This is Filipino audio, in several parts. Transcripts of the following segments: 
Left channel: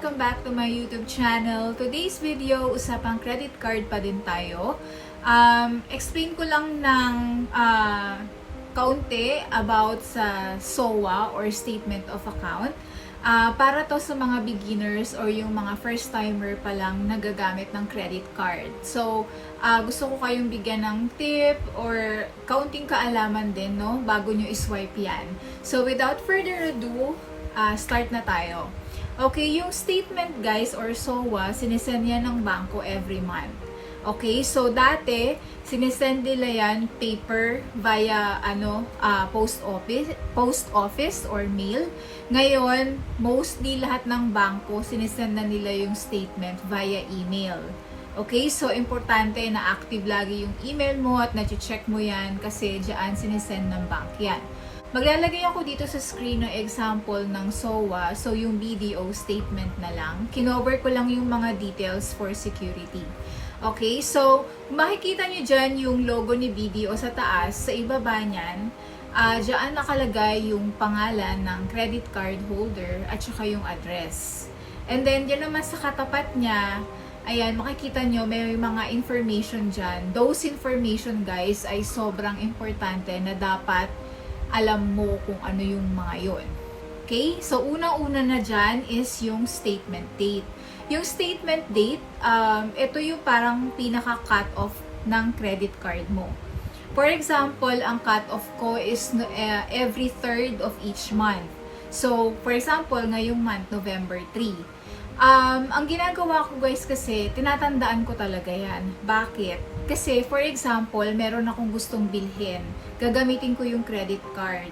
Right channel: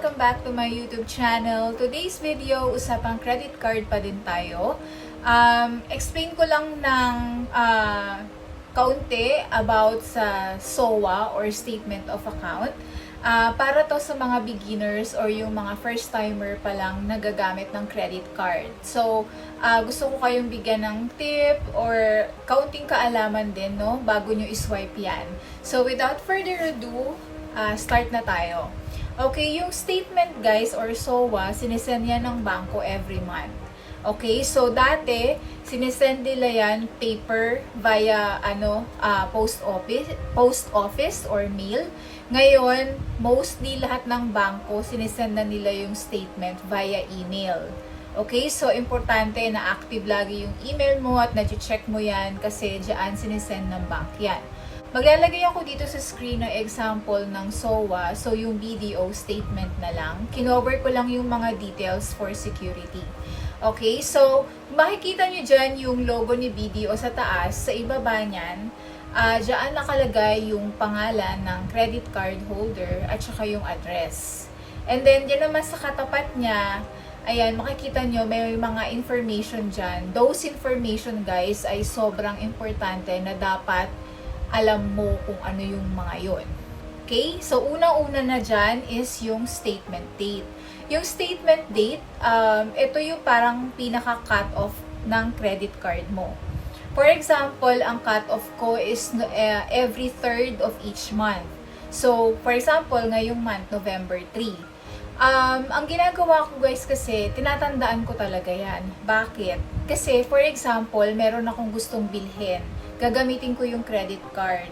Welcome back to my YouTube channel. Today's video, usapang credit card pa din tayo. Explain ko lang ng kaunti about sa SOA or Statement of Account. Para to sa mga beginners or yung mga first timer pa lang nagagamit ng credit card. So, gusto ko kayong bigyan ng tip or kaunting kaalaman din, no, bago nyo iswipe yan. So, without further ado, start na tayo. Okay, yung statement guys or SOA, sinisend yan ng bangko every month. Okay, so dati, sinisend nila yan paper via post office or mail. Ngayon, mostly lahat ng bangko, sinisend na nila yung statement via email. Okay, so importante na active lagi yung email mo at na-check mo yan kasi dyan sinisend ng bank yan. Maglalagay ako dito sa screen ng example ng SOA, so yung BDO statement na lang. Kinover ko lang yung mga details for security. Okay, so makikita nyo dyan yung logo ni BDO sa taas, sa ibaba nyan, dyan nakalagay yung pangalan ng credit card holder at saka yung address. And then, dyan naman sa katapat niya, ayan, makikita nyo may mga information dyan. Those information guys ay sobrang importante na dapat alam mo kung ano yung mga yon. Okay? So, unang-una na dyan is yung statement date. Yung statement date, ito yung parang pinaka-cut-off ng credit card mo. For example, ang cut-off ko is every third of each month. So, for example, ngayong month, November 3. Ang ginagawa ko guys kasi, tinatandaan ko talaga yan. Bakit? Kasi, for example, meron akong gustong bilhin. Gagamitin ko yung credit card.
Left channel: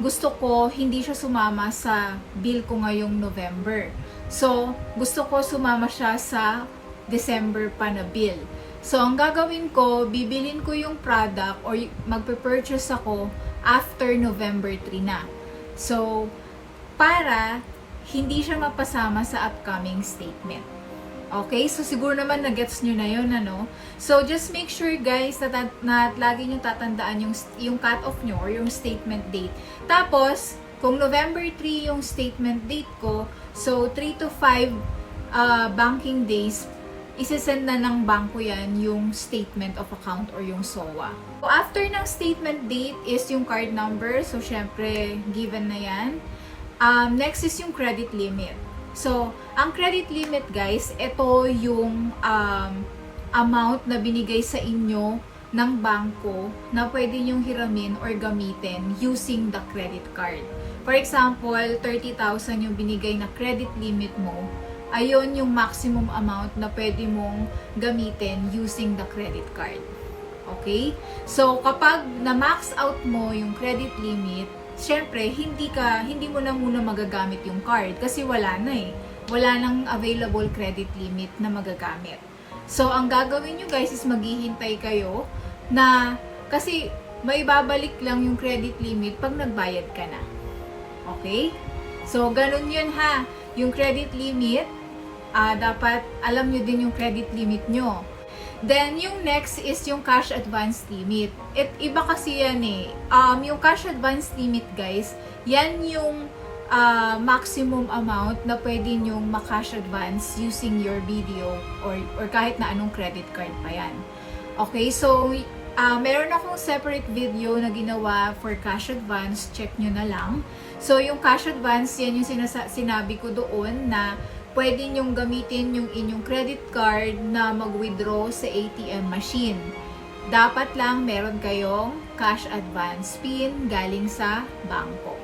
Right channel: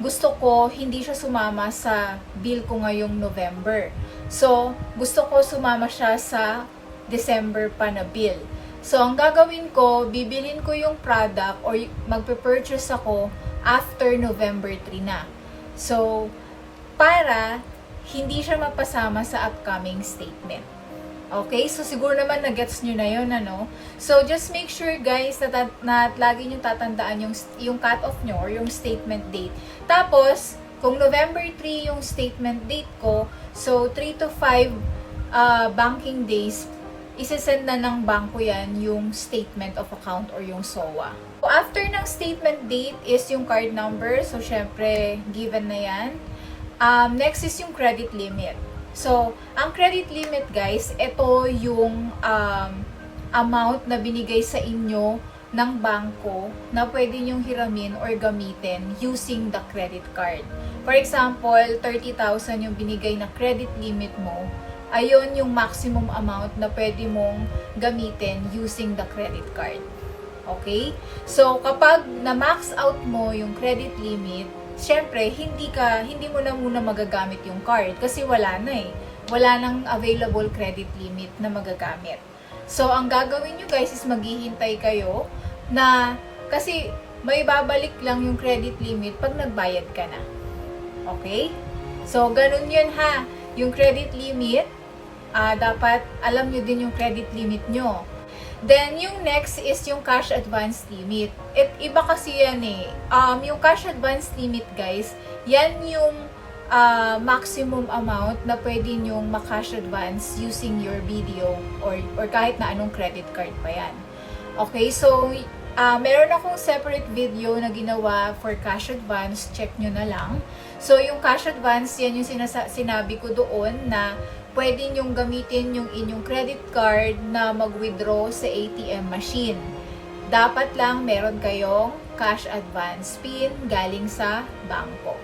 Gusto ko, hindi siya sumama sa bill ko ngayong November. So, gusto ko sumama siya sa December pa na bill. So, ang gagawin ko, bibilin ko yung product or magpe-purchase ako after November 3 na. So, para hindi siya mapasama sa upcoming statement. Okay? So, siguro naman na-gets nyo na yun, ano? So, just make sure, guys, na lagi nyo tatandaan yung cut-off nyo or yung statement date. Tapos, kung November 3 yung statement date ko, so, 3 to 5 banking days, isesend na ng bangko yan yung statement of account or yung SOA. So, after ng statement date is yung card number. So, syempre, given na yan. Next is yung credit limit. So, ang credit limit guys, ito yung amount na binigay sa inyo ng bangko na pwede nyong hiramin or gamitin using the credit card. For example, 30,000 yung binigay na credit limit mo, ayon yung maximum amount na pwede mong gamitin using the credit card. Okay? So, kapag na-max out mo yung credit limit, syempre, hindi mo na muna magagamit yung card kasi wala na eh. Wala nang available credit limit na magagamit. So, ang gagawin nyo guys is maghihintay kayo na kasi may babalik lang yung credit limit pag nagbayad ka na. Okay? So, ganun yun ha. Yung credit limit, dapat alam nyo din yung credit limit nyo. Then, yung next is yung cash advance limit. Iba kasi yan eh. Yung cash advance limit, guys, yan yung maximum amount na pwede nyong ma-cash advance using your BDO or kahit na anong credit card pa yan. Okay, so, meron akong separate video na ginawa for cash advance. Check nyo na lang. So, yung cash advance, yan yung sinabi ko doon na pwede nyong gamitin yung inyong credit card na mag-withdraw sa ATM machine. Dapat lang meron kayong cash advance PIN galing sa bangko.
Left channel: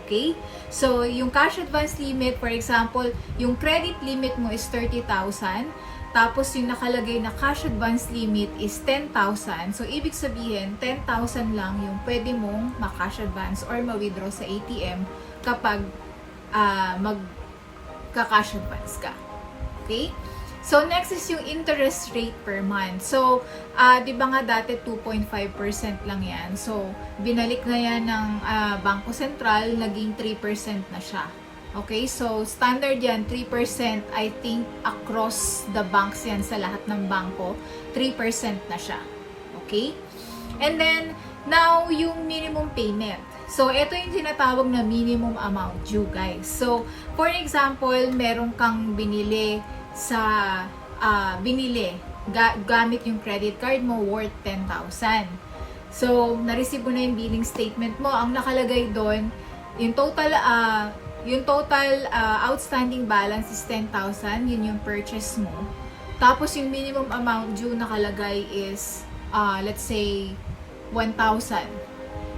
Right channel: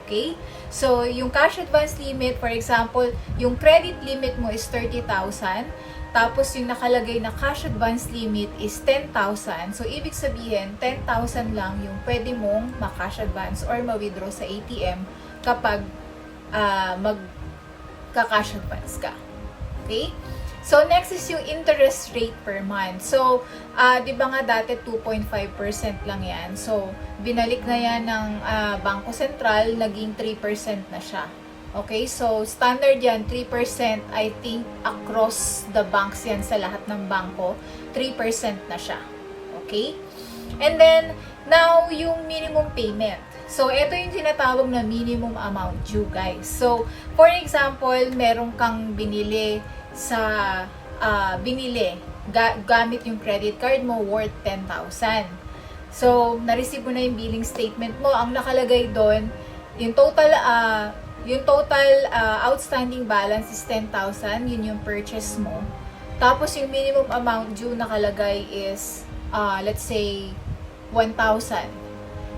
Okay? So, yung cash advance limit, for example, yung credit limit mo is 30,000, tapos yung nakalagay na cash advance limit is 10,000. So, ibig sabihin, 10,000 lang yung pwede mong ma-cash advance or ma-withdraw sa ATM kapag ka-cash advance ka. Okay? So, next is yung interest rate per month. So, di ba nga dati 2.5% lang yan. So, binalik na yan ng Bangko Sentral, naging 3% na siya. Okay? So, standard yan, 3%. I think across the banks yan sa lahat ng bangko, 3% na siya. Okay? And then, now, yung minimum payment. So, ito yung tinatawag na minimum amount due, guys. So, for example, meron kang binili gamit yung credit card mo worth 10,000. So, na-receive mo na yung billing statement mo. Ang nakalagay doon, yung total outstanding balance is 10,000. Yun yung purchase mo. Tapos, yung minimum amount due nakalagay is, let's say, 1,000.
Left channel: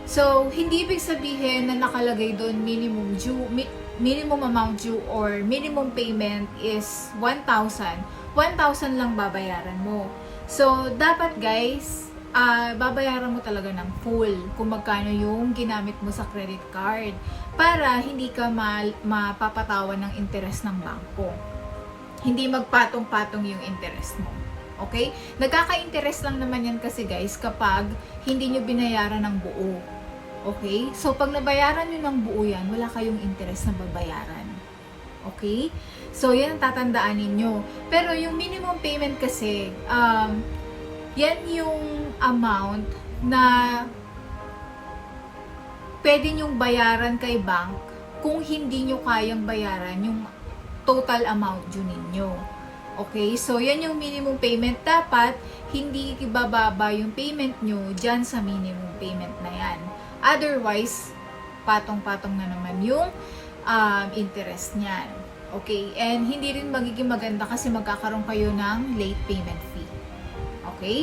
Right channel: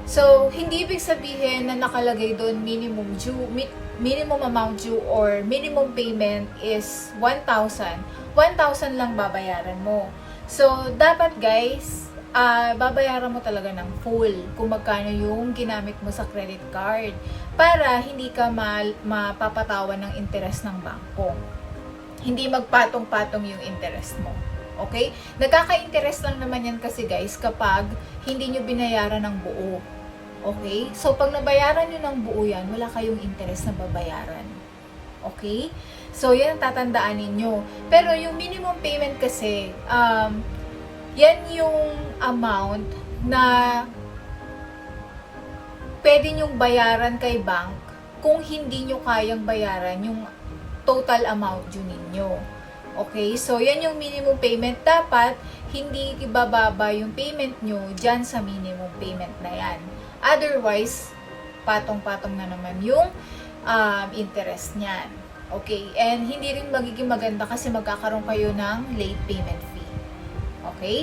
So, hindi ibig sabihin na nakalagay doon minimum amount due or minimum payment is 1,000. 1,000 lang babayaran mo. So, dapat guys, babayaran mo talaga ng full kung magkano yung ginamit mo sa credit card para hindi ka mapapatawan ng interest ng bangko. Hindi magpatong-patong yung interest mo. Okay? Nagkaka-interest lang naman yan kasi guys kapag hindi nyo binayaran ng buo. Okay? So, pag nabayaran nyo ng buo yan, wala kayong interest na babayaran. Okay? So, yan ang tatandaan ninyo. Pero yung minimum payment kasi, yan yung amount na pwede nyong bayaran kay bank kung hindi nyo kayang bayaran yung total amount due ninyo. Okay? So, yan yung minimum payment. Dapat, hindi ibababa yung payment nyo dyan sa minimum payment na yan. Otherwise, patong-patong na naman yung interest niyan. Okay? And hindi rin magiging maganda kasi magkakaroon kayo ng late payment fee. Okay?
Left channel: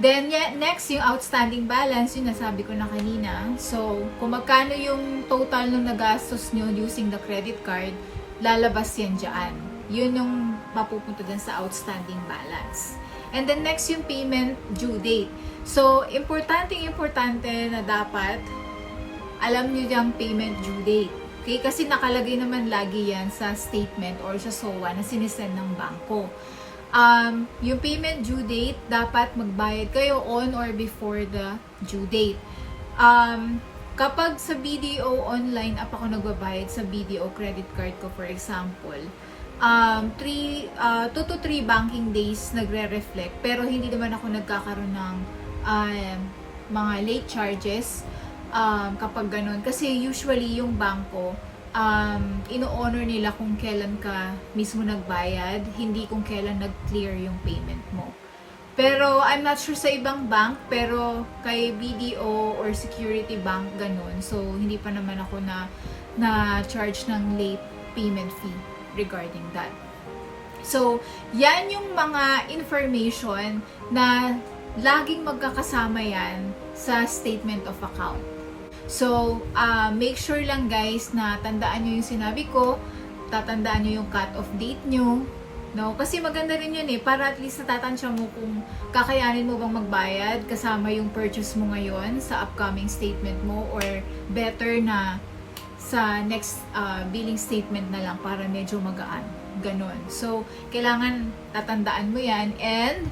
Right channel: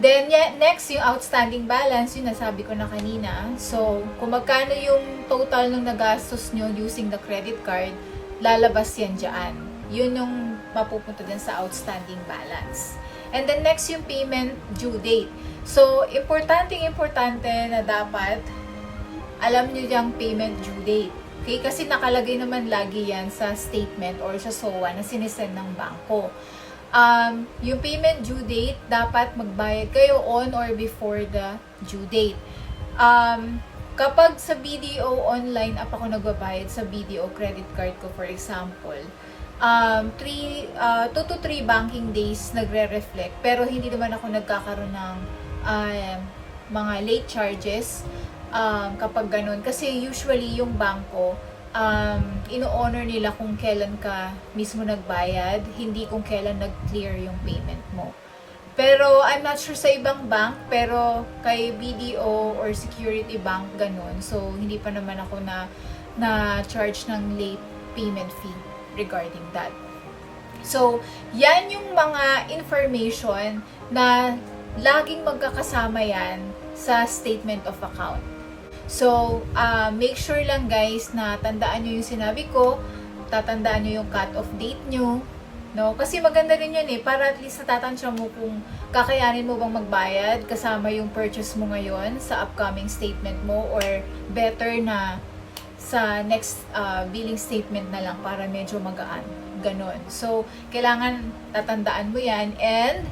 Then, next, yung outstanding balance, yung nasabi ko na kanina. So, kung magkano yung total ng nagastos nyo using the credit card, lalabas yan dyan. Yun yung mapupunta din sa outstanding balance. And then next yung payment due date. So, importante na dapat alam nyo yung payment due date. Okay? Kasi nakalagay naman lagi yan sa statement or sa SOA na sinisend ng bangko. Yung payment due date, dapat magbayad kayo on or before the due date. Kapag sa BDO online app ako nagbabayad sa BDO credit card ko, for example, 2 to 3 banking days nagre-reflect, pero hindi naman ako nagkakaroon ng mga late charges kapag ganun. Kasi usually yung bangko, ino-honor nila kung kailan ka mismo nagbayad, hindi kung kailan nag-clear yung payment mo. Pero I'm not sure sa ibang bank, pero kay BDO or Security Bank ganun. So hindi pa naman ako na charge ng late payment fee regarding that. So, yan yung mga information na laging magkakasama yan sa statement of account. So, make sure lang guys na tandaan nyo yung sinabi ko, tatandaan nyo yung cut-off date nyo, no? Kasi maganda rin yun para at least natatansya mo kung kakayanin mo bang magbayad kasama yung purchase mo ngayon sa upcoming statement mo, or better na sa next billing statement na lang para medyo magaan. Ganon. So, kailangan tatandaan mo yan. And,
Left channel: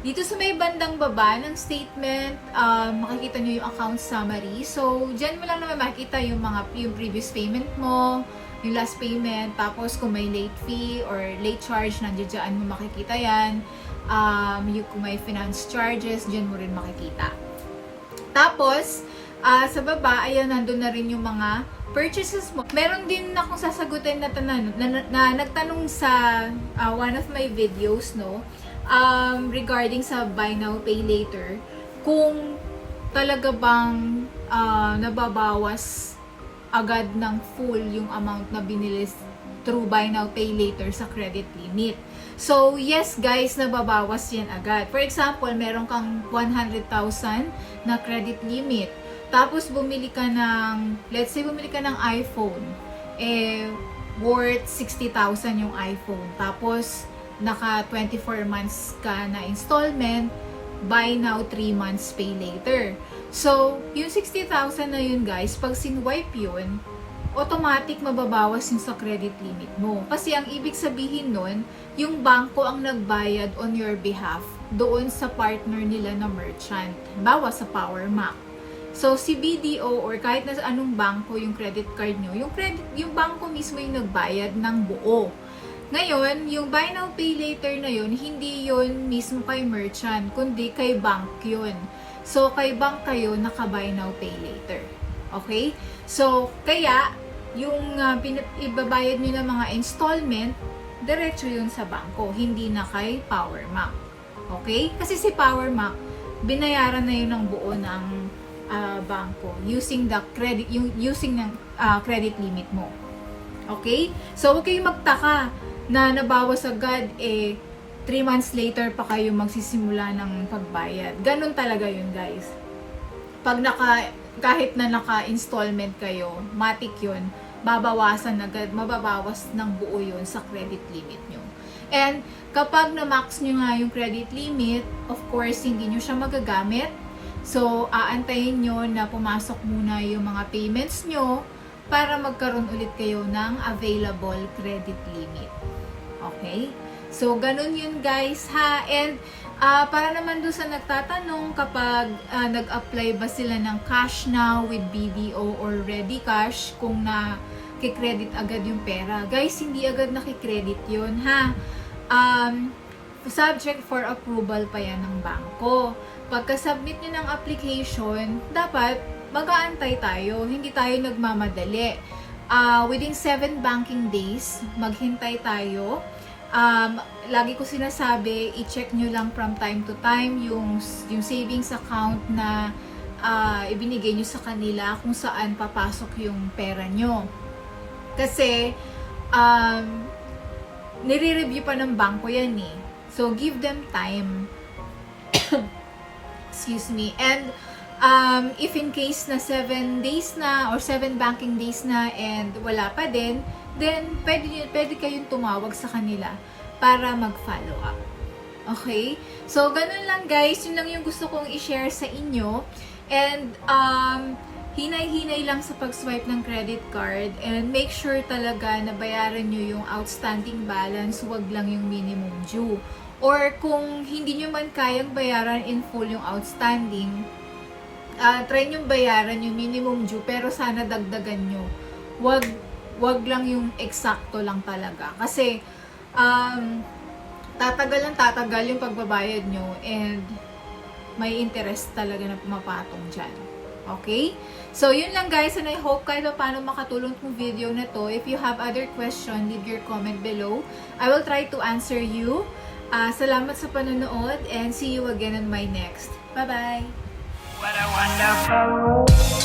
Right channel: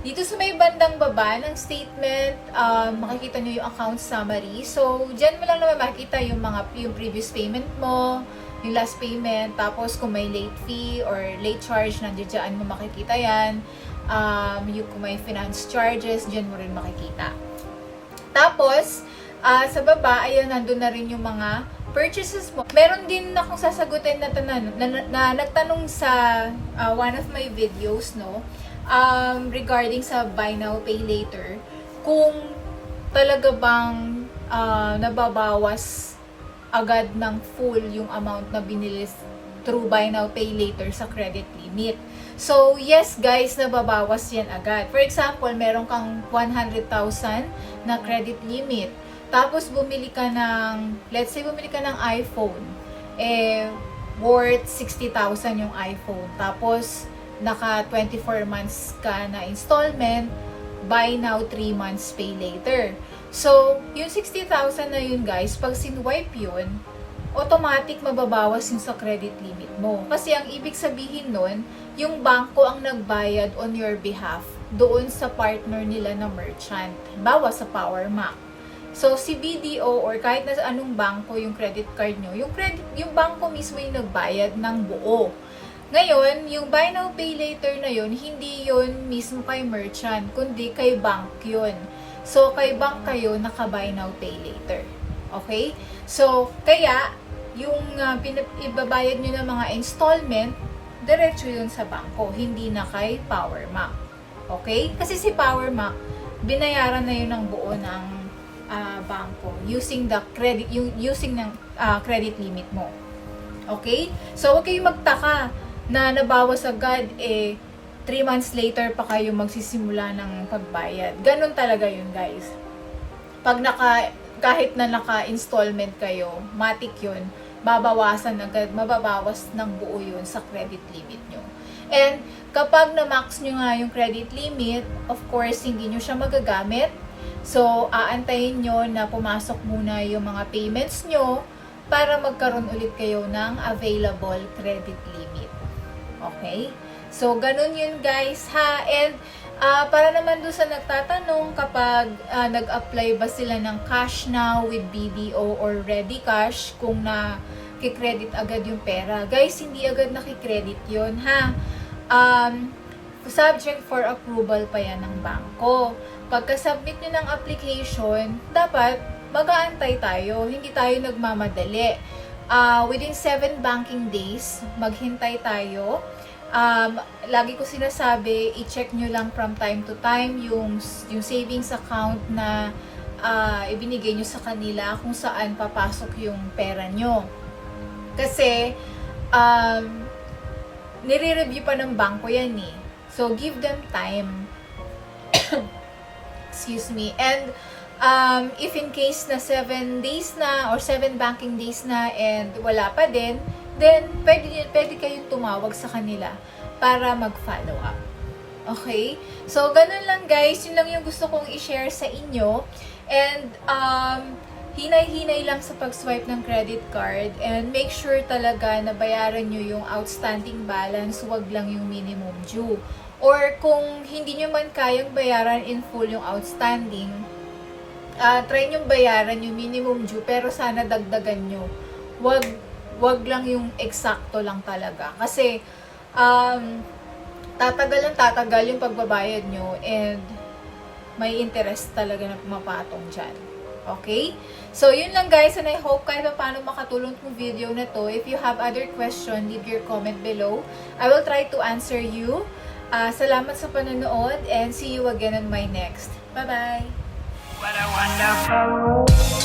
dito sa may bandang baba ng statement, makikita nyo yung account summary. So, dyan mo lang naman makikita yung previous payment mo, yung last payment, tapos kung may late fee or late charge, nandiyan mo makikita yan. Kung may finance charges, dyan mo rin makikita. Tapos, sa baba, ayan, nandun na rin yung mga purchases mo. Meron din akong sasagutin na nagtanong sa one of my videos, no? Regarding sa buy now, pay later. Kung talaga bang nababawas agad ng full yung amount na binili through buy now, pay later sa credit limit. So, yes guys, nababawas yan agad. For example, meron kang 100,000 na credit limit. Tapos, bumili ka ng, let's say, bumili ka ng iPhone. Worth 60,000 yung iPhone. Tapos, naka 24 months ka na installment, buy now, 3 months, pay later. So, yung 60,000 na yun guys, pag sinwipe yun, automatic mababawas yung sa credit limit mo. Kasi ang ibig sabihin nun, yung bangko ang nagbayad on your behalf doon sa partner nila na merchant. Bawa sa Power Mac. So, si BDO or kahit na anong bangko yung credit card nyo, yung bangko mismo yung nagbayad ng buo. Ngayon, yung buy now, pay later na yun, hindi yun mismo kay merchant, kundi kay bank yun. So, kay bank kayo naka-buy now, pay later. Okay? So, kaya, yung ibabayad nyo ng mga installment, diretso yun sa bangko, hindi na kay Powermac. Okay? Kasi si Powermac, binayaran na yun ng buo ng bangko using the credit, using ng credit limit mo. Okay? So, huwag kayong magtaka na nabawas agad, 3 months later pa kayo magsisimula ng pagbayad. Ganun talaga yun, guys. Pag kahit na naka-installment kayo, matik yun, babawasan agad, mababawas ng buo yun sa credit limit nyo. And kapag na-max nyo nga yung credit limit, of course, hindi nyo siya magagamit. So, aantayin nyo na pumasok muna yung mga payments nyo para magkaroon ulit kayo ng available credit limit. Okay? So, ganun yun, guys, ha? And, para naman doon sa nagtatanong kapag nag-apply ba sila ng cash now with BDO or ready cash, kung na-credit agad yung pera. Guys, hindi agad nakikredit yun, ha? Subject for approval pa yan ng bangko. Pagka-submit nyo ng application, dapat mag-aantay tayo. Hindi tayo nagmamadali. Within 7 banking days, maghintay tayo. Lagi ko sinasabi, i-check nyo lang from time to time yung savings account na ibinigay nyo sa kanila kung saan papasok yung pera nyo. Kasi, nire-review pa ng bangko yan eh. So, give them time. Excuse me. And, if in case na 7 days na or 7 banking days na and wala pa din, then pwede kayong tumawag sa kanila para mag-follow up. Okay? So, ganun lang, guys. Yun lang yung gusto kong i-share sa inyo. And, hinay-hinay lang sa pag-swipe ng credit card and make sure talaga na bayaran nyo yung outstanding balance, wag lang yung minimum due. Or kung hindi nyo man kayang bayaran in full yung outstanding, try nyo bayaran yung minimum due pero sana dagdagan nyo. Wag lang yung eksakto lang talaga. Kasi, tatagal yung pagbabayad nyo and may interest talaga na pumapatong dyan. Okay? So, yun lang, guys, and I hope kahit paano makatulong itong video na to. If you have other question, leave your comment below. I will try to answer you. Salamat sa panonood and see you again on my next. Bye-bye! What a wonderful